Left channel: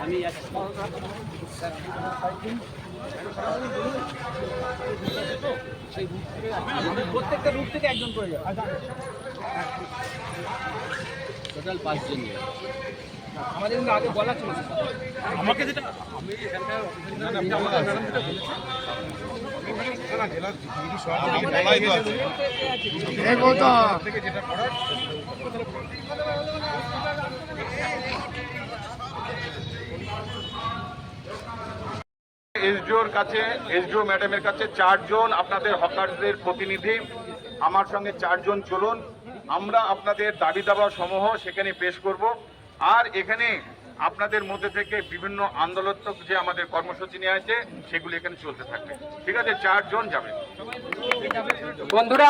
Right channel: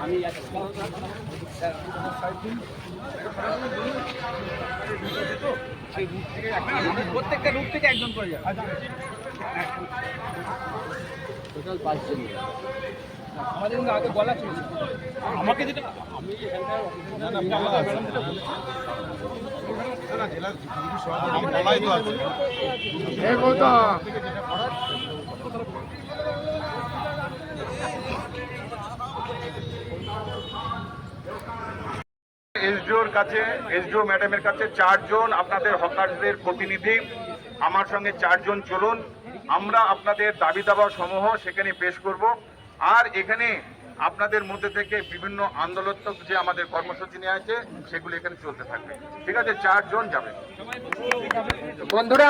আমি প্রত্যেকটা রুট থেকে একজন করে যাবে টোটাল পাঁচজন আমাদের কিন্তু আগে বলা ছিল আমাকে যেটা আমি এখানকার আমাদের ম্যাডাম যেটা বলেছেন বলাই তো আছে যেটা করার এসডিওর কাছে, এসডিও ম্যাডামের কাছে চারজন আপনাদের হকারদের প্রতিনিধি। আমার সঙ্গে চারজন চলুন। আমরা আপনাদের দাবি দাবা সমূহ সেখানে পেশ করব। আর এখানে আপনাদের মধ্যে থেকে বিভিন্ন আন্দোলনাত্মক যে আমাদের কর্মসূচি নিয়ে আছে, সেগুলি এখানে চলতে থাকবে। ঠিক আছে, চারজন যাবে বন্ধুরা